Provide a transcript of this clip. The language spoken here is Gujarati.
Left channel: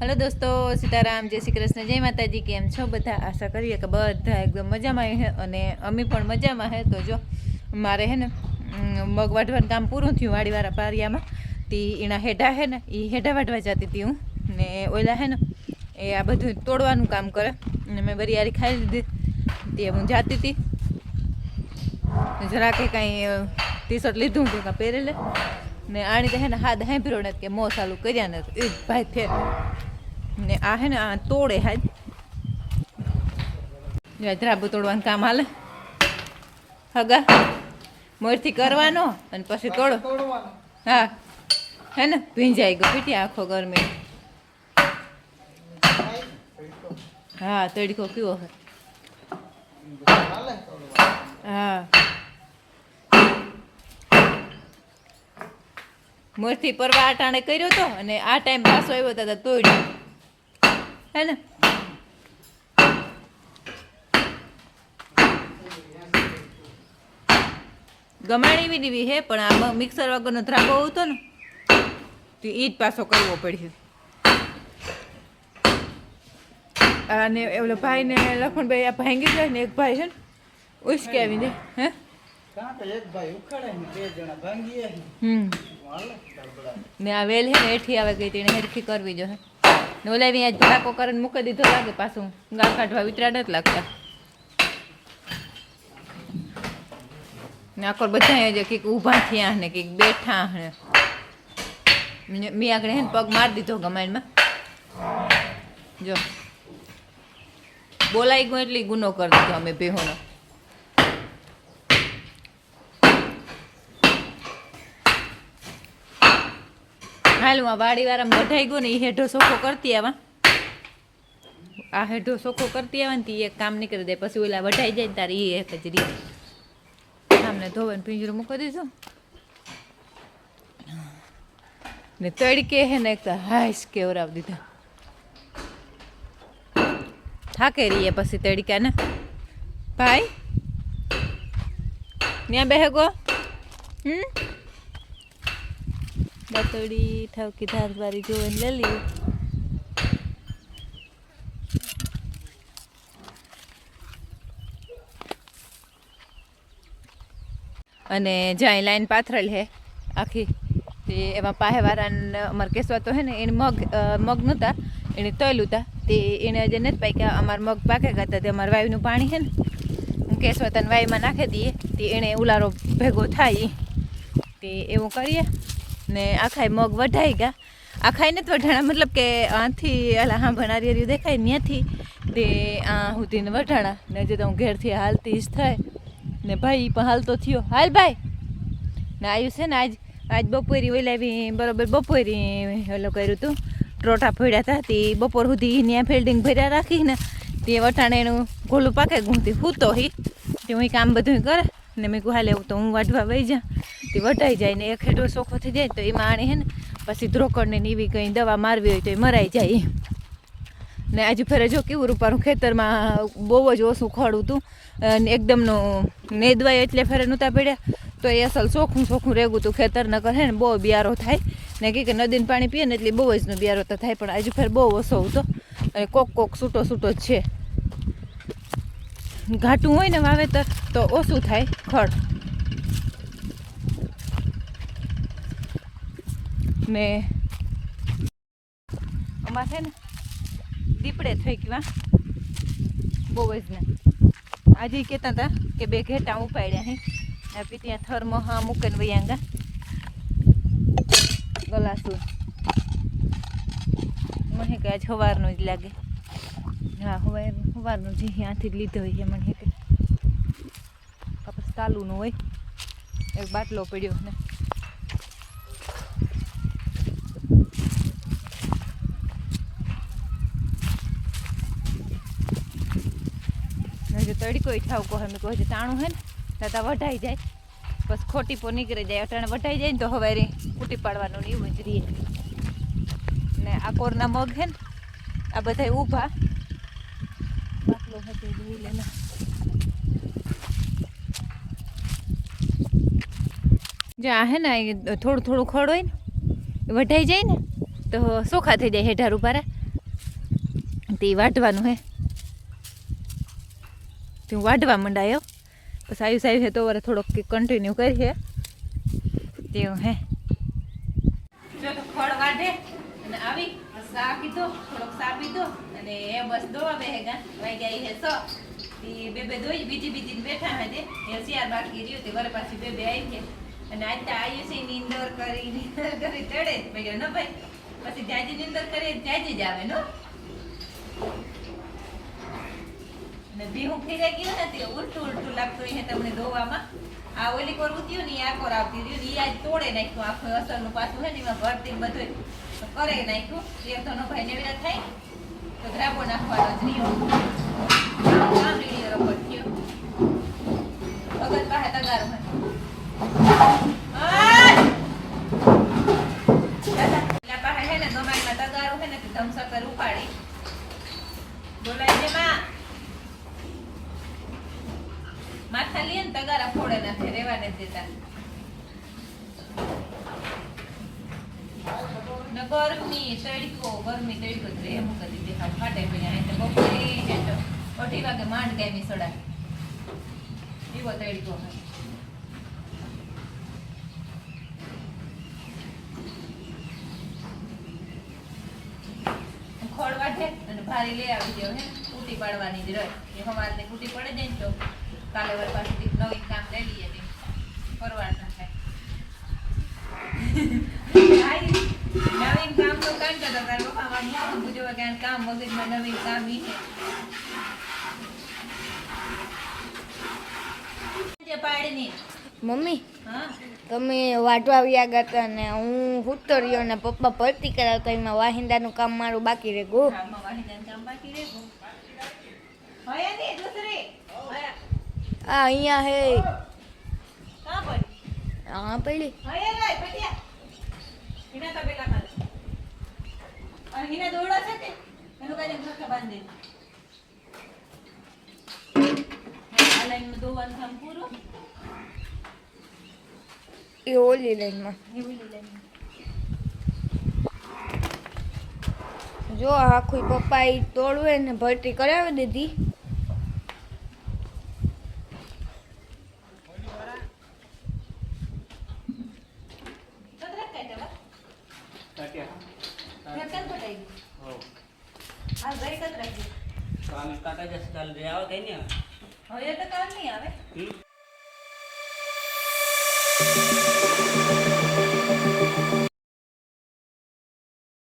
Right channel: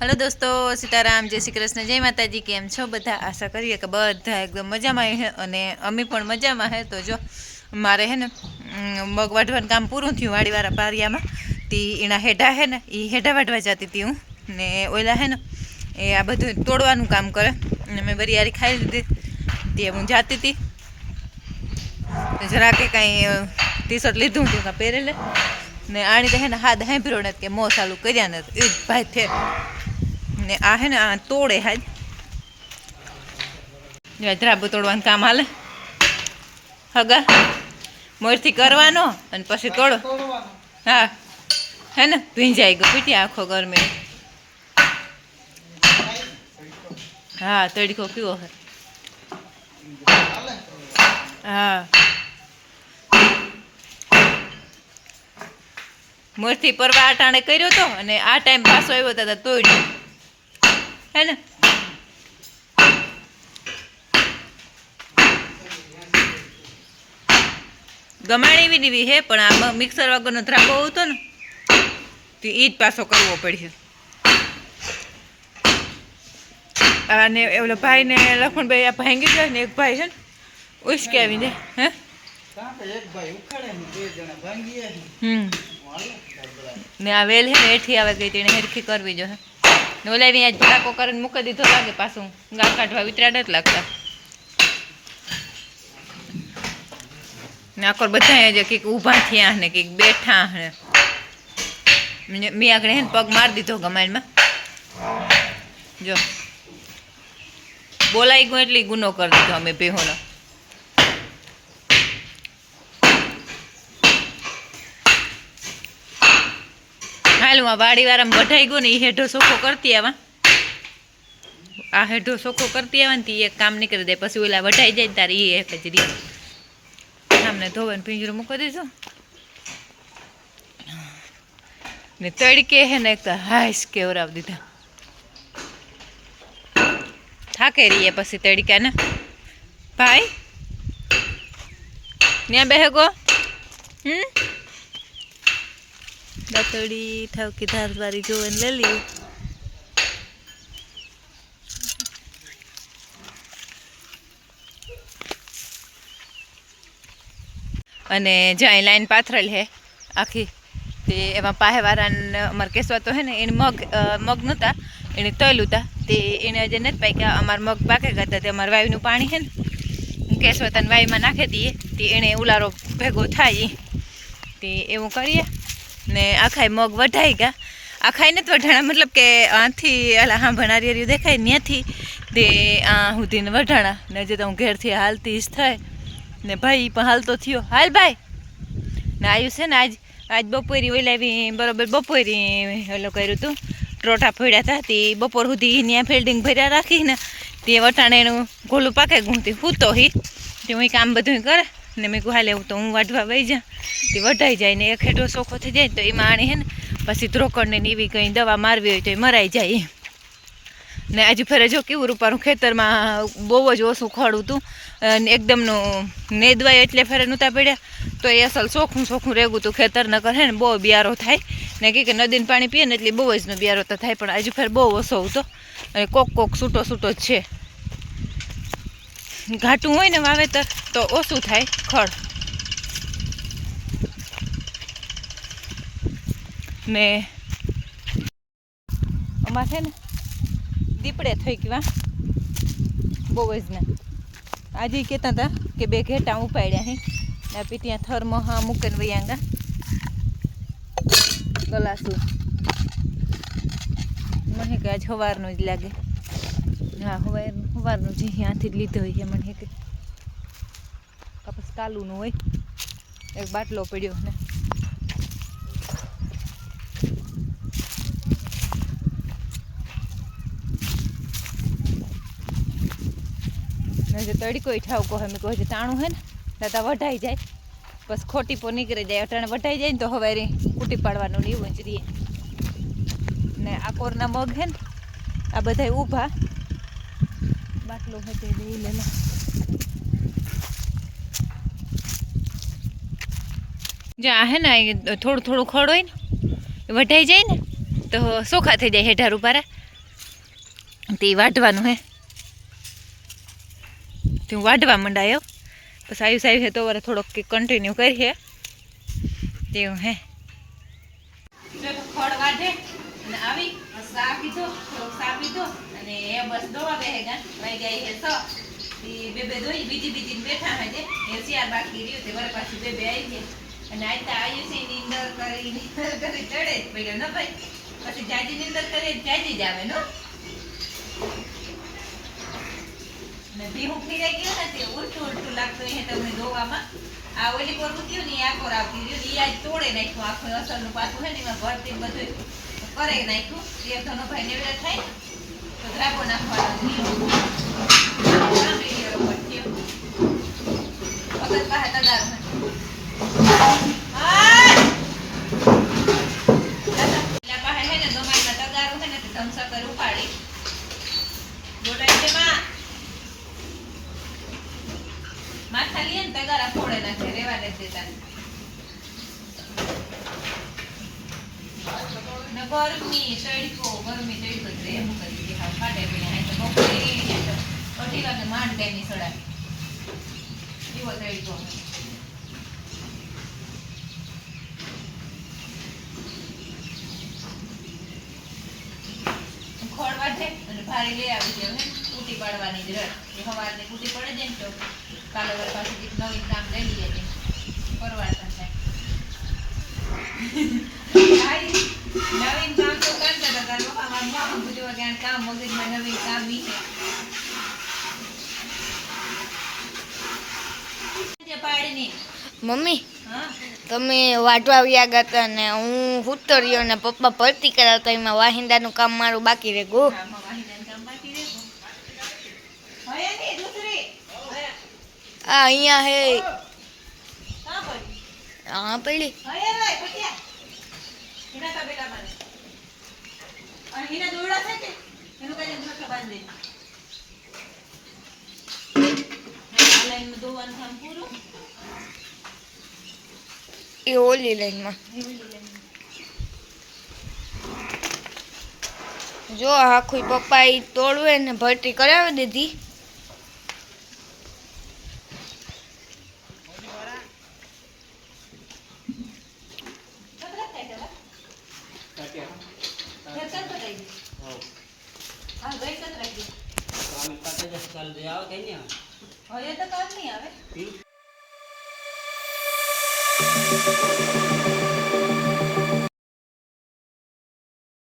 હલો દોસ્તો, સીતારામ, જય શ્રી કૃષ્ણ, જય માતાજી, કેમ છો બધા? આશા કરીએ કે બધા એકદમ મજામાં હે અને અમે પણ મજામાં હે. તો જો, મારે હે ને મગ વાઢવાનું કામ પૂરું થયું વાડીવાળા પારિયામાં. તે એના હેઠા હે ને એ હેઠા વાઢવા જતી હતી હું. ને ઓલા હે ને, એ આ બધું તોડવાનું કામ કરે. અને મેં બરિયારી ખાઈ લીધી. તે હું જાતી હતી જરા કે કાંઈ ટી શર્ટ લીધું હતું કાં પહેરેલે. ને આણી તો હે ને હાથ હાંભળ્યો નથી કે મોં ચાલુ કર્યા નથી. એ ભાઈ થે ને આ હે ને આ તોડે હાજ ધ્રાબુ તોડવાનું કામ હાલે. હગા. મોરથી કરવાનો અને પછી તોડો. હા. હે ને? ભીંજાઈ ગયો. પીટી આખો ગરમી હા તડકો કેવો હે? હા. મોરથી પરવા અટાણે કર્યો તો અને આ ટાઈમ પાછો આવ્યો તો તોડ્યો. હે ને? ગમાણી બી દીવી હે પણ આ મિક્સર વગરનો ધ્રાબો હતો ને તો એ જ પાછો કરવો પડશે. અને ઓલો ભાઈને લખમણભાઈ આ ભાંગી ગયો ને એક ભાઈ છે ને ઉસકે આવીને હે? હમ. ને આ વેલ છે ને હેઠી આવે ગઈ તેને હેરખી કરવી જો હે ને ઓલાવી આજ ભડાકો કરીને મૂકી દીધો લાગે પાછું ગાળ કાઢવા વિતરા નથી લાગતા. ને આખો બધા જે કંઈક ઊભા થયા ને કંઈક બેઠા ને મેં આગળ હે પગ મારી દીધો ગમાઈમાં જો. બોલાઈ ગયો એટલે ગુનો કરી દીધો અમે બેહોનો. હાલ હું આ વાડીવાળામાં વઢાઈ ગયો ને એ હેઠો સોખો કરતી આવા. આ હેઠો સોખો કરતી આવે ને એ કામ નીકળી દે પછી ઓલા વઢાઈ જાય ને તારે એ એક જ રહે સામને ધોવે ને પિંજરું મૂકી દીધું. ને તડકે હે ને એક તો હાઈસ કેવરાવ દીધા. થાકે રહીએ પછી તડકા ને. ભાઈ ત્યાં બેહ ગો. હમ? દતડી ઠાવકી ધારવારી જોઈને લઈ લઈએ. અને જ્યાં લાઈન પાથરેલ હે, આખી, તે એમાં પાહેવાળાને અમારે કેસવા તો હે ને એને મગ મગ નહોતા એને તોયલું હતા તે એને હજી નથી પાક્યા, અમારે મગ પાકે કરતા તે અમારા વાયુનું પાણી છે ને કેસવા તને વાયુમાં નાખી દઈએ, તે એને ઉલારો ભેગો થાય તે એવું કરીએ. ને આખાય મગ વઢાઈ ગયા. આખાય નથી વઢાણા, મતલબ કે આથી, અલા હા, ભણારી હરિયું દેખાય ત્યાંથી તે આ સુધીને વઢાણા. ને જે તો હું ઘેરથી હાલતી જ થાય. ને ભાઈ પણ હાલતો થયો. હાલ ભાઈ. ને આવ્યું છે ને આજ આજ બપોરી ઓલાવી બરાબર બપોરી ઓલું કર્યું હતું ટ્રોટા ફોડ્યા હતા તે બપોર સુધી ત્યાં ફિલ્ડિંગ ભર્યા રાખીને, તે વટાણે એનું ગોલું પાકે ગુમતી હૂતો હી તે હું કામ બધું કરે. ને મેં હાલે એવું તો હું વાઢવા વહી જા તે વઢાઈ જાય ને એક હેઠો ચોખ્ખો થઈ જાય તો એમાં આણે હે ને, પછી ધ્રોકડને એવી કંઈ દવા મારવી હોય તો એ મરાઈ જાય. ને આજે ફરે જો કેવું રૂપારું ખેતરમાં બહુ જ ઓછું ખડું હતું. અને એકદમનું નેદવાય એટલે ફરે નહોતા પડ્યા. તો એ અસલ ચોખ્ખું ચોખ્ખું રેગું હતું ખેતર ન કરે ને બહુ બિયારો થાય. ને કે નદીનું પાણી પીએ ને એટલે બહુ જ બિયારો તો થાય, પણ આજે ફેર બહુ ઓછો હતો. અને કોક કોક છૂટો છૂટો જ છે. ઘાટું હોય ને વાવેતર, તો ઓછું થાય ખડ ને અમારે છે ને દીપડે થઈ ગયા બહુ જ ને. આજે કહેતા હતા કે બે ઘેટા ઉપાડ્યા હે. આપી ત્યાં થરમાં હા મૂકીને વૈયાંગા ગલાસું મને કે આજ સવારનું જ લાગે. હા સવાર સવારનું જે ત્યાંથી લીધો હોય મને કે કપાસ તાલુનો હોય. એક બાટલો પડ્યો ને તડકો ઠાવકો હે મેં કહું તાણું હે ને દાદા વઢાઈ જાય. બસ ખોટી પો નીકળી જાય, અટાણે વઢાઈ જાય ને તો હવે કૂટી પાડવાનું ને એવું જ રહીએ ને આ કોરના મગ હે ને, આ બધા ઊભા. બાટલો હતો લઈ લે જ્યાં હે ને એ થોડું થોડું ખડ હોય ને વઢાઈ જાય ને તો સોખા થઈ જાય હેઠાર ઉપારા તે વાઢવાનું હે. તું હું વાઢવા મંડાયો. પછી આવ્યું સાયું છે તો વરે થોડોક કન્ટિન્યુ કરીએ. તેવું હે. ખડ વાઢે. અને આવી સા પીધો, થોડોક સા પીધો, અને એ બસ દોવા બે ગા વાઈ ગઈ હે સો. બે બે દોઈ બીજી બીજી બેઠા હજે એ ચાર બાકી રહ્યું તે વર પાછી બે બે આવી ગયા. અને આજ તો આવ્યું છે અંદર કરી, નીંદર કરી, ચડે ભાઈ ન ભાઈ. પછી જાજી નીંદર કરી જાજી જ આવે નો. મેં ભીહું ખીરાઈ ગયું ને તે ઉલટું ઉલટું લાગતું એ તમને ધોવામાં આ ઓલી પર ઉત્યું ને આ કોર આવતી રહ્યું ઈ આજ તોડે નાખ્યું આખું અસલનું પાછું હે ને એમાં ભરતી ને બધું કરે નાખ્યું. એ ધનો ભાઈ ને થાય. તો ગ્રાબો નાખવાનો તે બોલાય છે માથા લઈએ ને તગારા ફોડે નાખે, રેવા નથી દેતા. ને ગરમી તડકો ગરમી જ એમ કરી. દે હાવ અને ભારે લઈ આવી જાય હે. કૂટી પાડવાની જ રસ. એ હવારને કૂટી પડે જાય ને તો. કાલે વાર પાછું કંઈક કામ લઈ લઈએ કે થાય. નવીન કામ તો કરતા હતા તારા પપ્પા મારા બાપા પૂછ્યું કે કામ મગજમાં નવીન કામ નહીં મમ્મી તમે વાટવા આવ્યા ગયા હતા ને હું ઉતર્યો ને પપ્પા ભરતી કરાવતા એમાં વાહિંદાનું કામ મારું બાકી રહે ગો. આ અહીંયા હે. હા પેલી હવે લાય, પટ્યા. હિના તબેલા મારે. અને હિના દોરડા છે કે? એનું કાંઈ નખા બાંધી દે. આ લાઈનમાં ધોવાનું કામ પૂરું. એ ઓલી લાઈનમાં. જો આખું પપ્પા એ તોડવે ને ભરતી કરાવી દીધી. હા ગઈ તો રહી ગઈ કામ કરતા જ ચાલ રે આવે કઈ નહીં આવે હવે તો કામ નહીં આવે.